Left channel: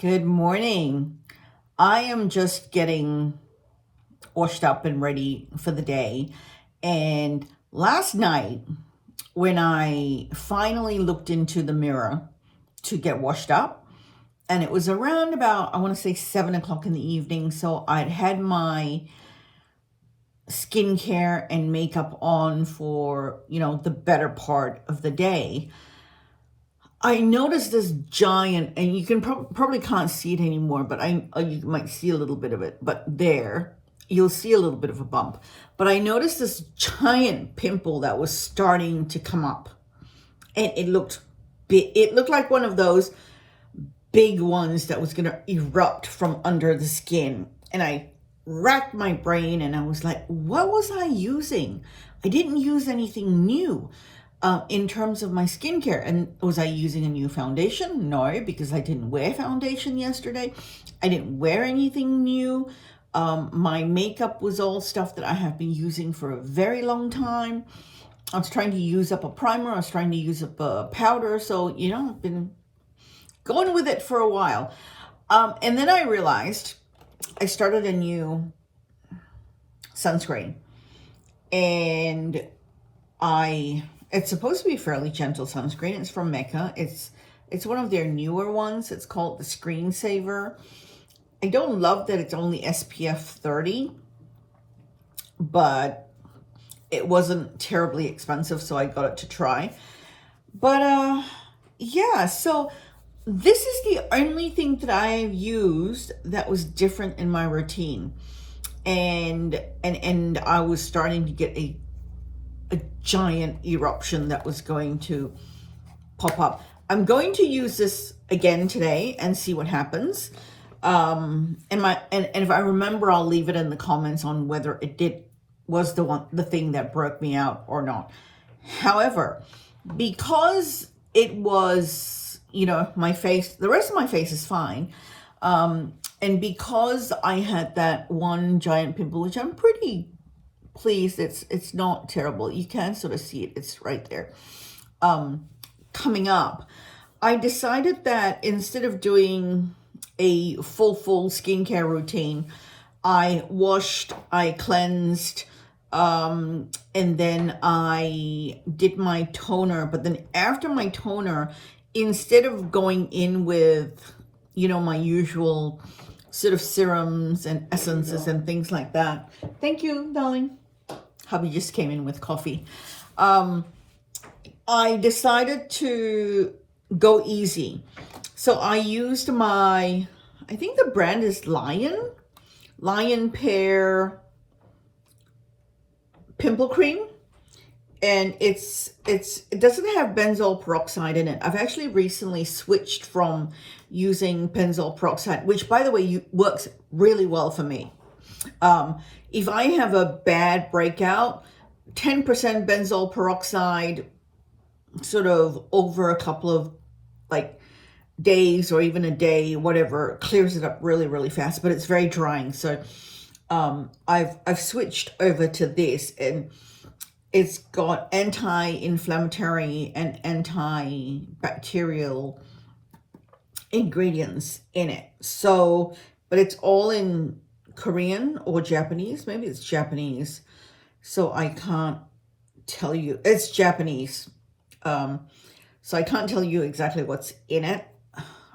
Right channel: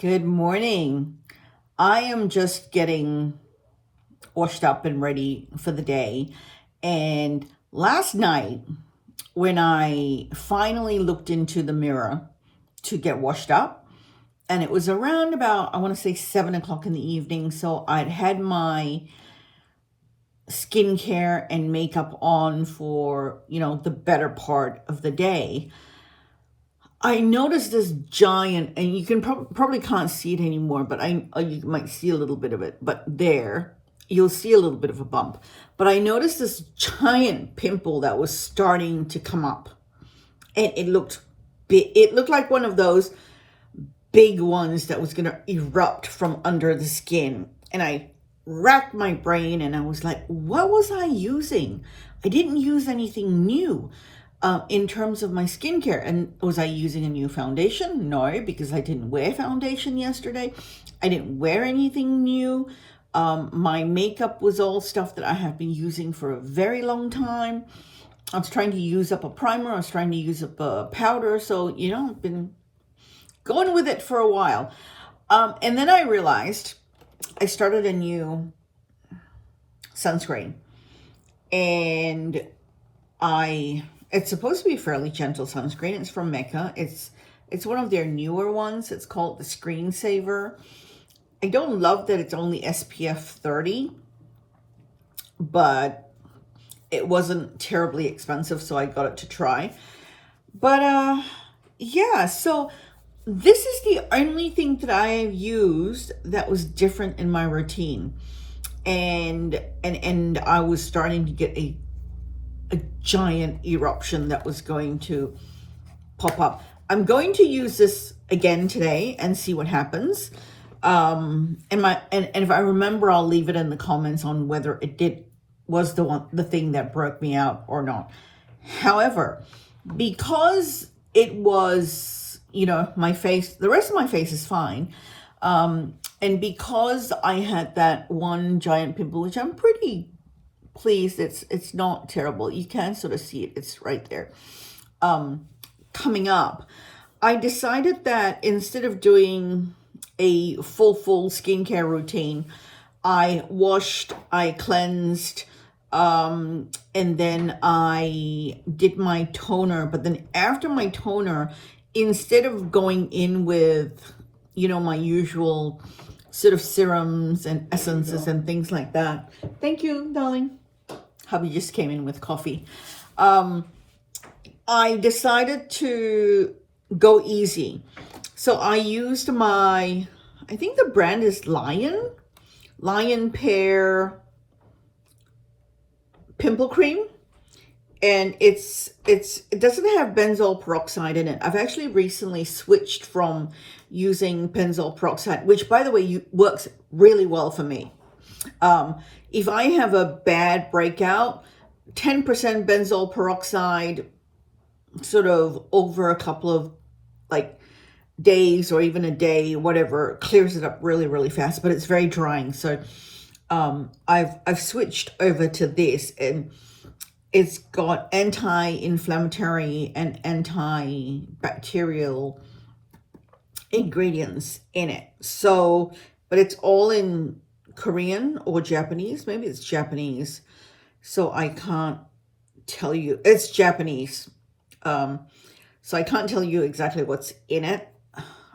Good morning. I am just getting washed up and ready for the day. And last night, when I finally looked into the mirror to get washed up, and it was around about, I want to say 7 o'clock in the evening. So I'd had my skincare and makeup on for, the better part of the day. I noticed this giant, and you can probably can't see it anymore, but you might see a little bit of it. But there, you'll see a little bit of a bump. But I noticed this giant pimple that was starting to come up, and it looked big. It looked like one of those big ones that was going to erupt from under the skin. And I racked my brain, and I was like, what was I using? I didn't use anything new. In terms of my skincare. And was I using a new foundation? No, because I didn't wear foundation yesterday. I didn't wear anything new. My makeup was all stuff that I have been using for a very long time. I was trying to use up a primer. I was trying to use up a powder. So, I've been going with it for a while. And then I realized I started a new sunscreen. And it's supposed to be a fairly gentle sunscreen. It's from MECCA. It's one of their newer ones. It's called the Screensaver. I don't love that it's only SPF 30, but it wasn't terribly expensive, so I got it to try. But yeah, so this is the only thing that I have used that was different in my routine. And I was starting to get a giant eruption that was going to pop up. I'm going to use this again today and see what happens. And if I remember, I'll leave it in the comments on whether was the thing that broke me out or not. However, because it was, my face, the rest of my face is fine. And because I had that one giant pimple, which I'm pretty pleased, it's not terrible. You can sort of see it. It's right there. Coming up, I decided that instead of doing a full skincare routine, I washed, I cleansed, and then I did my toner. But then after my toner, instead of going in with, my usual sort of serums and essences and things like that. Thank you, darling. Hubby just came in with coffee. I decided to go easy. So I used I think the brand is Lion Pear Pimple Cream. And it doesn't have benzoyl peroxide in it. I've actually recently switched from using benzoyl peroxide, which, by the way, works really well for me. If I have a bad breakout, 10% benzoyl peroxide sort of over a couple of days or even a day, whatever, clears it up really, really fast, but it's very drying. So I've switched over to this, and it's got anti-inflammatory and antibacterial ingredients in it. So, but it's all in Korean or Japanese. Maybe it's Japanese. So I can't tell you. It's Japanese. So I can't tell you exactly what's in it.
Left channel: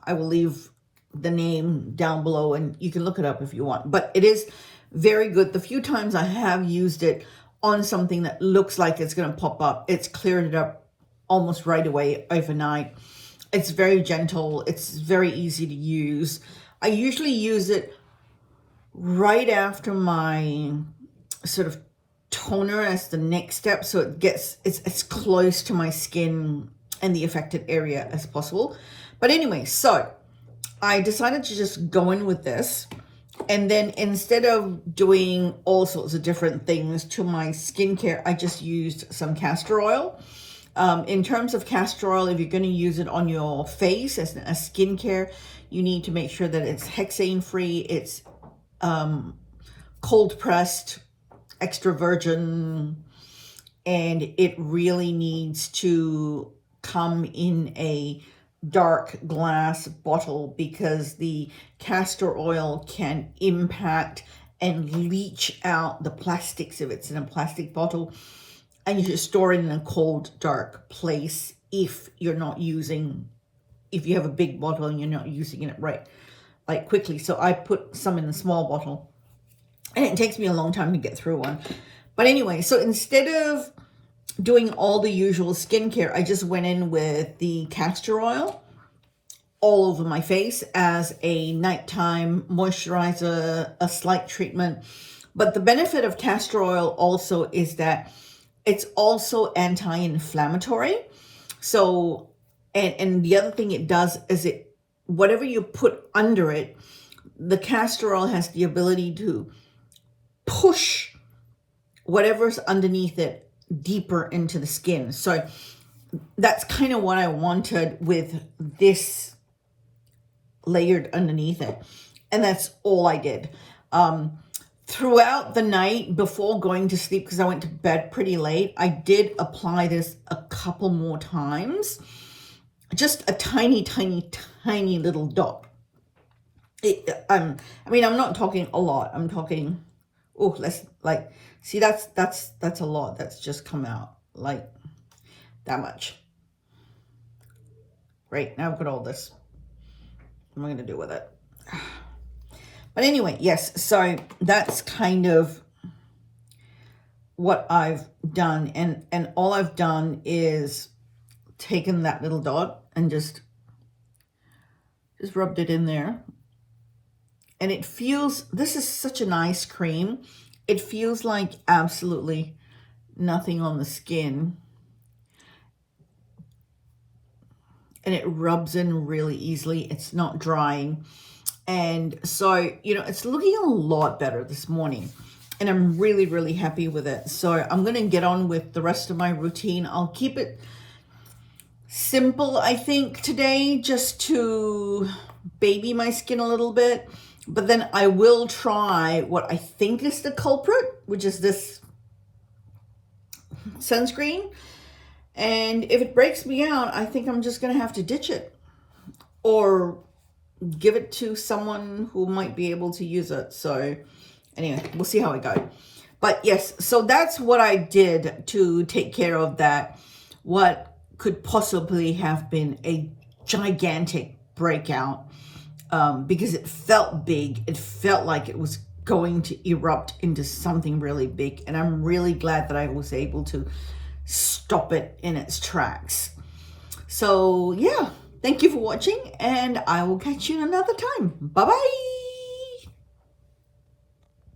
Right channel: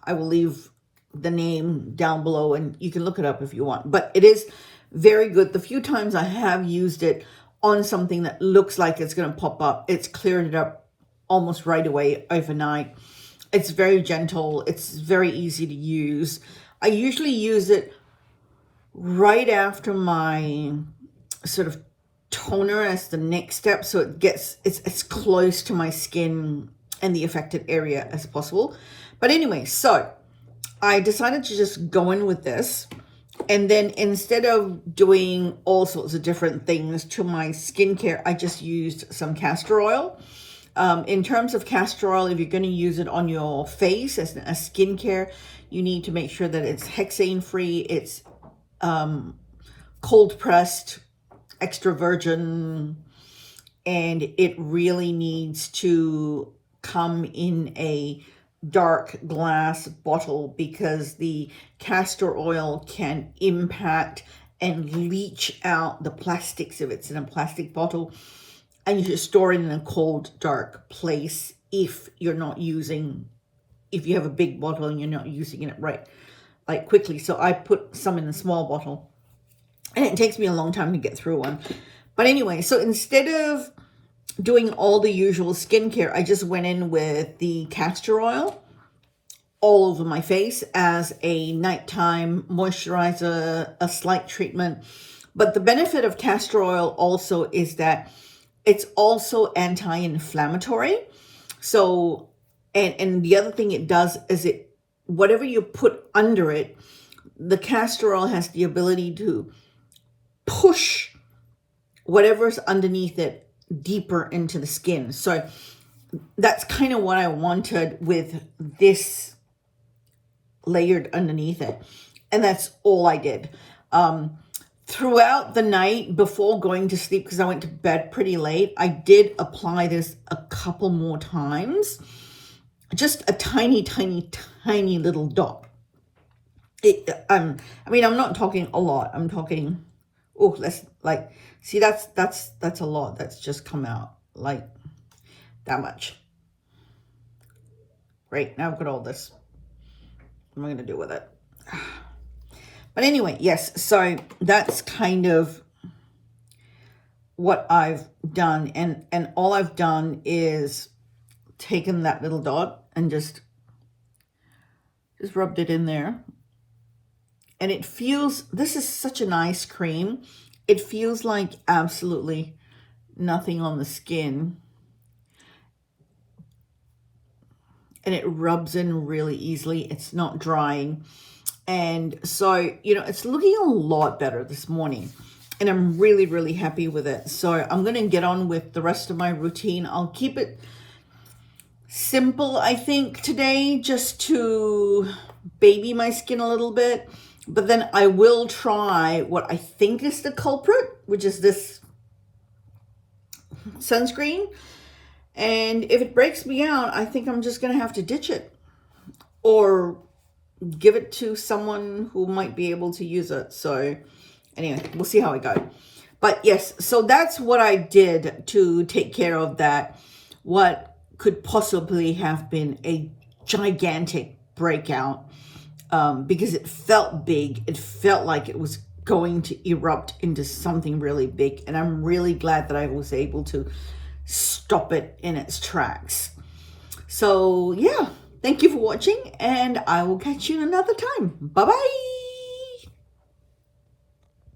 I will leave the name down below and you can look it up if you want. But it is very good. The few times I have used it on something that looks like it's going to pop up, it's cleared it up almost right away overnight. It's very gentle. It's very easy to use. I usually use it right after my sort of toner as the next step, so it's as close to my skin and the affected area as possible. But anyway, so I decided to just go in with this. And then instead of doing all sorts of different things to my skincare, I just used some castor oil. In terms of castor oil, if you're going to use it on your face as a skincare, you need to make sure that it's hexane free. It's cold pressed, extra virgin, and it really needs to come in a dark glass bottle because the castor oil can impact and leach out the plastics if it's in a plastic bottle. And you should store it in a cold, dark place if you're not using, if you have a big bottle and you're not using it right, like quickly. So I put some in a small bottle, and it takes me a long time to get through one. But anyway, so instead of doing all the usual skincare, I just went in with the castor oil all over my face as a nighttime moisturizer, a slight treatment. But the benefit of castor oil also is that it's also anti-inflammatory. So, and the other thing it does is whatever you put under it, the castor oil has the ability to push whatever's underneath it deeper into the skin. So that's kind of what I wanted with this layered underneath it. And that's all I did. Throughout the night before going to sleep, because I went to bed pretty late, I did apply this a couple more times. Just a tiny, tiny, tiny little dot. I mean, I'm not talking a lot. I'm talking, oh, let's like, see, that's a lot. That's just come out like that much. Great, now I've got all this. What am I going to do with it? But anyway, yes, so that's kind of what I've done. And all I've done is taken that little dot and just rubbed it in there. And it feels, this is such a nice cream. It feels like absolutely nothing on the skin. And it rubs in really easily. It's not drying. And so, you know, it's looking a lot better this morning. And I'm really, really happy with it. So I'm going to get on with the rest of my routine. I'll keep it simple, I think, today, just to baby my skin a little bit. But then I will try what I think is the culprit, which is this sunscreen. And if it breaks me out, I think I'm just going to have to ditch it or give it to someone who might be able to use it. So anyway, we'll see how it goes. But yes, so that's what I did to take care of that, what could possibly have been a gigantic breakout, because it felt big. It felt like it was going to erupt into something really big. And I'm really glad that I was able to stop it in its tracks. So yeah, thank you for watching, and I will catch you another time. Bye-bye.